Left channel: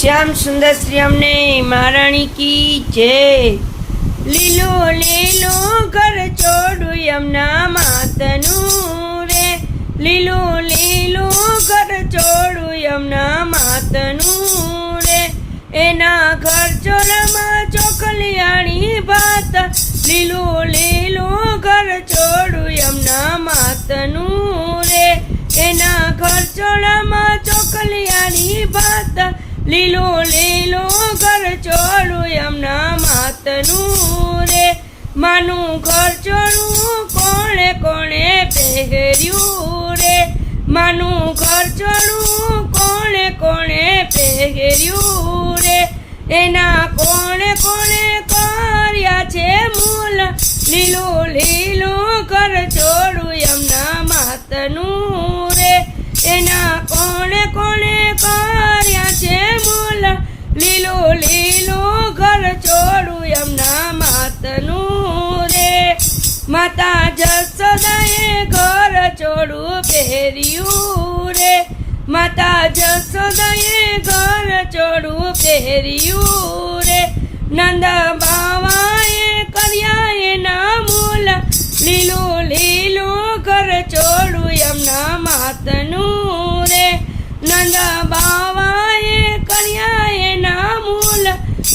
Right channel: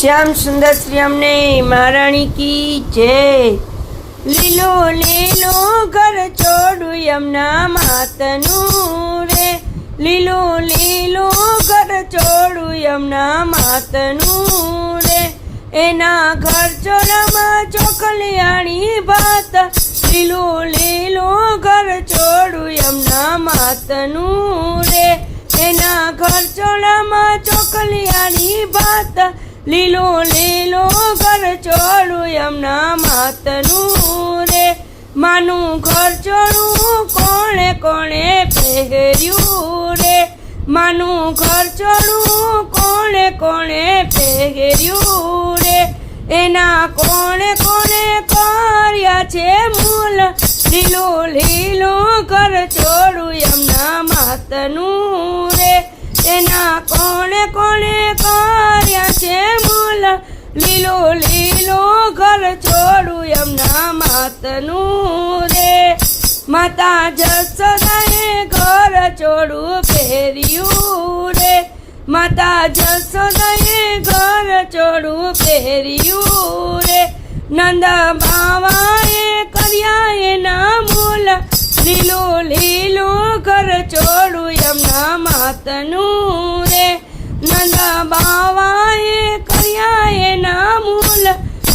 શ્યામ સુંદર શ્રી અમને મહારાણી કી જય. લીલો લીલો ઘર છોડું યમના માતનું રે. લીલો લીલો ઘર છોડું યમના માતનું રે. એના ઘર ચોરામાં ચોકલિયાણી ભાત. લીલો લીલો ઘર છોડું યમના માતનું રે. એના ઘર ચોળામાં ચોકલિયાણી ભાત. લીલો લીલો ઘર ચોળું એમના માતનું રે. માનું ઘર ચોળું કોણે કોણે પહેર્યું રે. માનું ઘર ચોળું કોણે કોણે પહેર્યું રે. એના કોણે કોણે કર્યા છે મૂલ. લીલો લીલો ઘર ચોળું યમના માતનું એના કોણે કોણે કર્યા છે મૂલ? લીલો લીલો ઘર છોડું એમના માતનું રે. માતા જસોદાએ ઘર છોડું પહેર્યું રે. માતા જસોદાએ ઘર છોડું પહેર્યું રે. નંદ બાવાએ કર્યા એના મૂલ. લીલો લીલો ઘર ચોળું યમના માતનું રે. નંદા બાવાએ કર્યા એના મૂલ.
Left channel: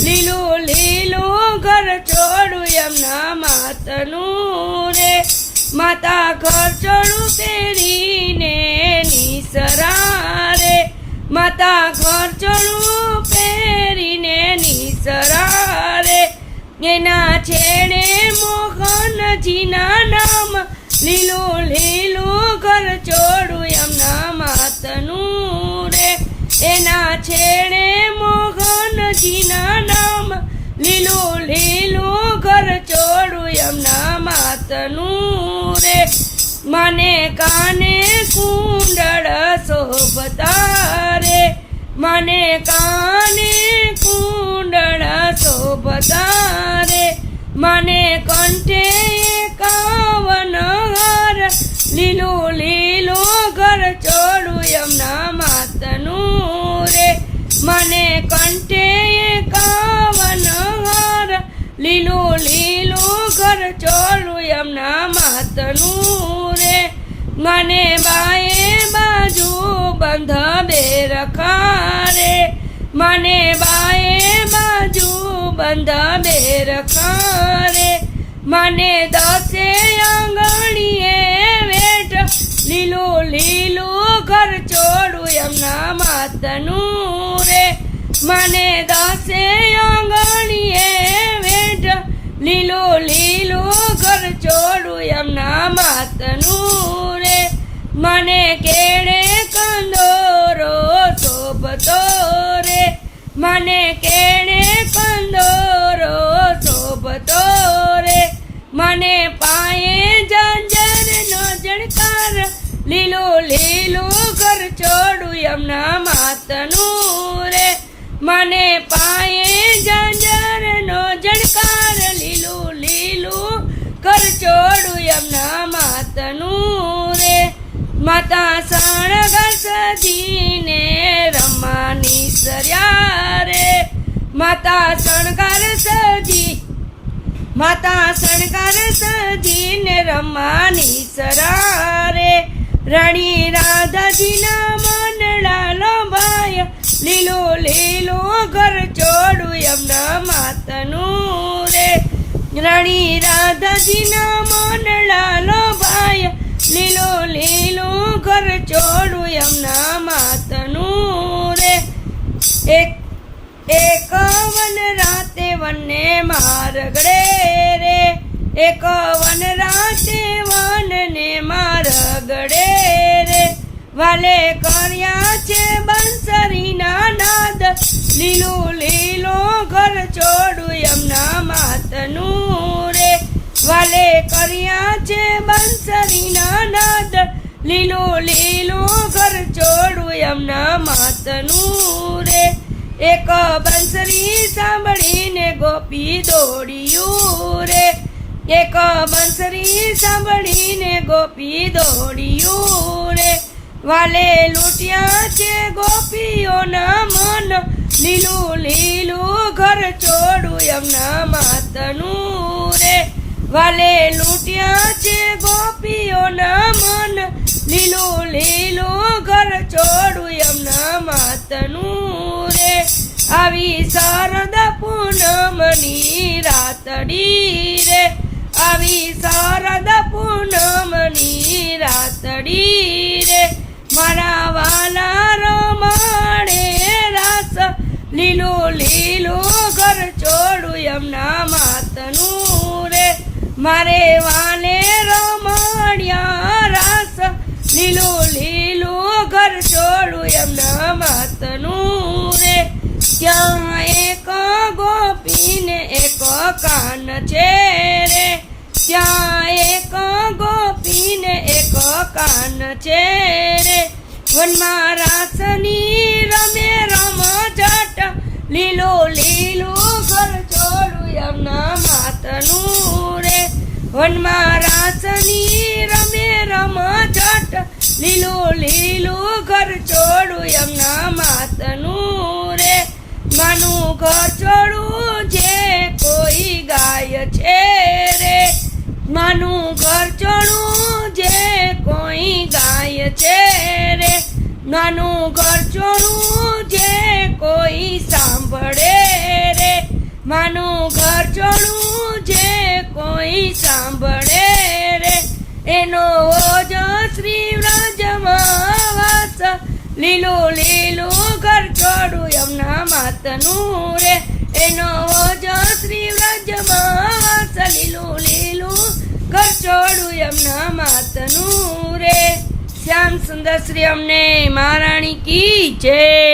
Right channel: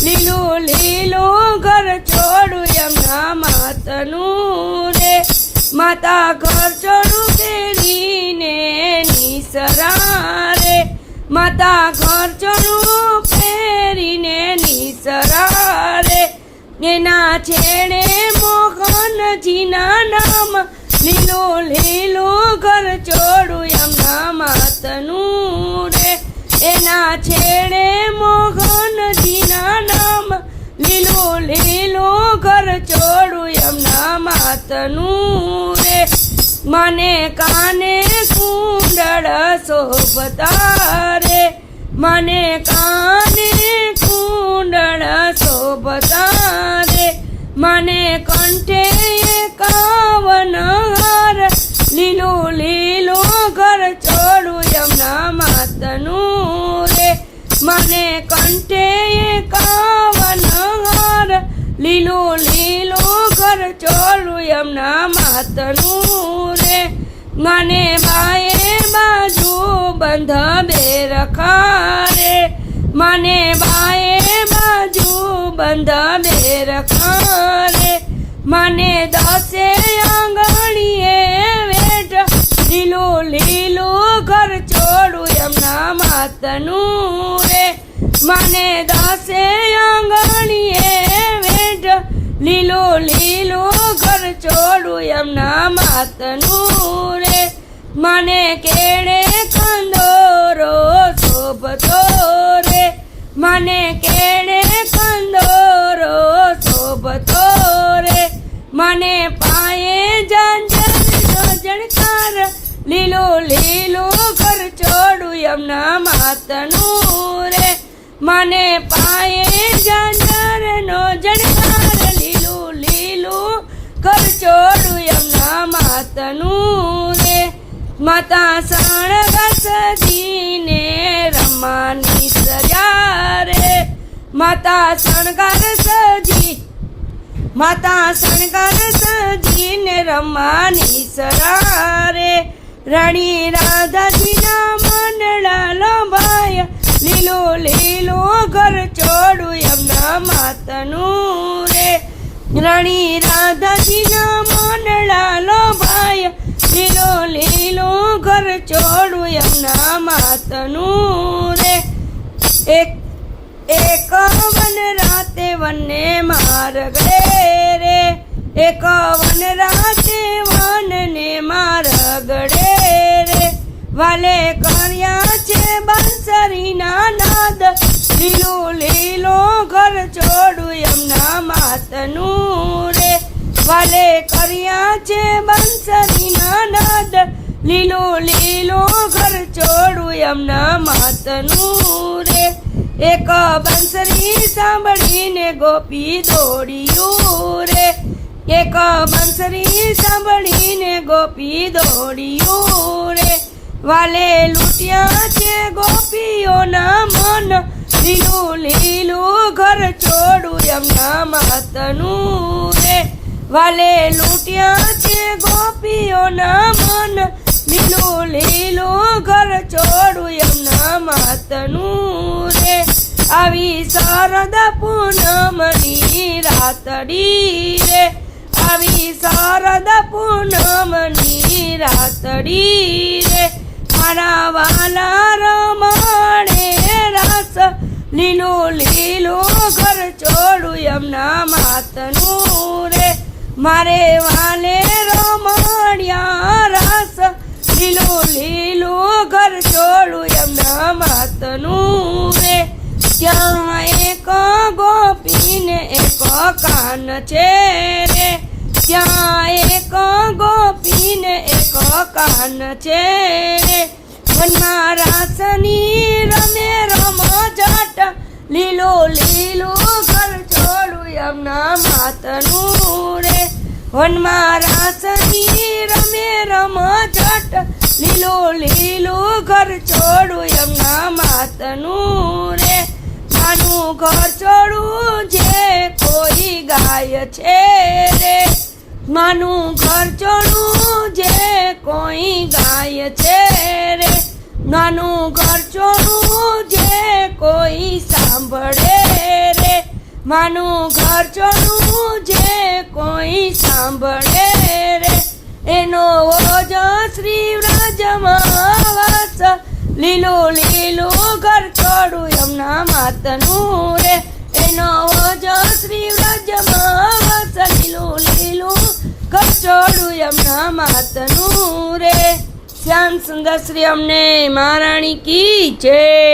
લીલો લીલો ઘર ચોળું યમના માતનું રે. માતા ઘર ચોળું પહેરીને નિસરા રે. માતા ઘર ચોળું પહેરીને નિસરા એના છેડે મોહનજીના નામ, લીલો લીલો ઘર ચોળું એમના માતનું રે. એના છેડે મોહનજીના નામ, લીલો લીલો ઘર ચોળું એમના માતનું રે. મને કાને કુંડળ શોભતા રે. મને કાને કુંડળ શોભતા રે. મને કંઠે મને કંઠે કાવન હાર લીલો લીલો ઘર ચોલું એમના માતનું રે. મને બાએ બાજુ બંધ બે રખારે. મને બાએ બાજુ બંધ બે રખારે. મને દસે આંગણીએ વેઠ લીલો લીલો ઘર ચોડું એમના માતનું મને દાસે આંગણીએ વેઠ લીલો લીલો ઘર ચોળું એમના માતનું રે. મને કેળે કંદોરો શોભતો રે. મને કેળે કંદોરો શોભતો રે. મને પાયે ઝંઝરનો જણકાર લીલો લીલો ઘર ચોળું એમના માતનું મને પાયે ઝંઝરનો જણકાર લીલું લીલું ઘર ચોળું એમના માતનું રે. માતા સણગર સજીને રમાની સજા રે. માતા શણગાર સજી માતા શણગાર સજીને રમાની સરારે રાણી રાધાજીના મનડા લોભાય લીલો લીલો ઘર ચોડું એમના માતનું રે. રાણી રાધાજીના મનડા લોભાય લીલો લીલો ઘર ચોડું એમના માતનું રે. એક એક વન રાતે વનને મારગડે રે. એક વન રાતે વનને મારગડે રે. વાલે કર્યા બંસરીના નાદ લીલો લીલો ઘર છોડું એમના માતનું રે. વાલે કર્યા છે બંસરીના નાદ લીલો લીલો ઘર છોડું એમના માતનું રે. એક બંસરી સાંભળીને ગોપી દોડ્યું રે. એક બંસરી સાંભળીને ગોપી દોડ્યું રે. વાલે લૂટ્યા છે ગોપીઓના મન. લીલું લીલું ઘર છોડું એમના માતનું રે. વાલે લૂટ્યા છે ગોપીઓના મન. લીલું લીલું ઘર છોડું એમના માતનું રે. આવી શરદ પૂનમની રાતડી રે. આવી શરદ પૂનમની રાતડી રે. મારા વાલા રમણે રાસ લીલો લીલો ઘર છોડું એમના માતનું રે. મારે વાને રમણ્યા રાસ લીલો લીલો ઘર છોડું એમના માતનું રે. ત્યાં એક ગોપીને એક કાન છે રે. ત્યાં એક ગોપીને એક કાન છે. વનમાં રાસની રમે રમ જટ. લીલો લીલો ઘર છોડું યમના માતનું રે. વનમાં રાસની રમે રમ જટ. લીલો લીલો ઘર છોડું યમના માતનું રે. માનું ઘર છોડું જે કોઈ ગાય છે રે. માનું ઘર છોડું જે કોઈ ગાય છે રે. નાનું ઘર છોડું જે કોઈ સાંભળે રે. માનું ઘર છોડું જે કોઈ સાંભળે રે. એનો ઓજ શ્રી લીલું લીલો ઘર એમના યમુના માતનું રે. એનો ઓજ છોડું યમુના માતનું રે. શ્યામ સુંદર શ્રી અમને મહારાણી કી જય.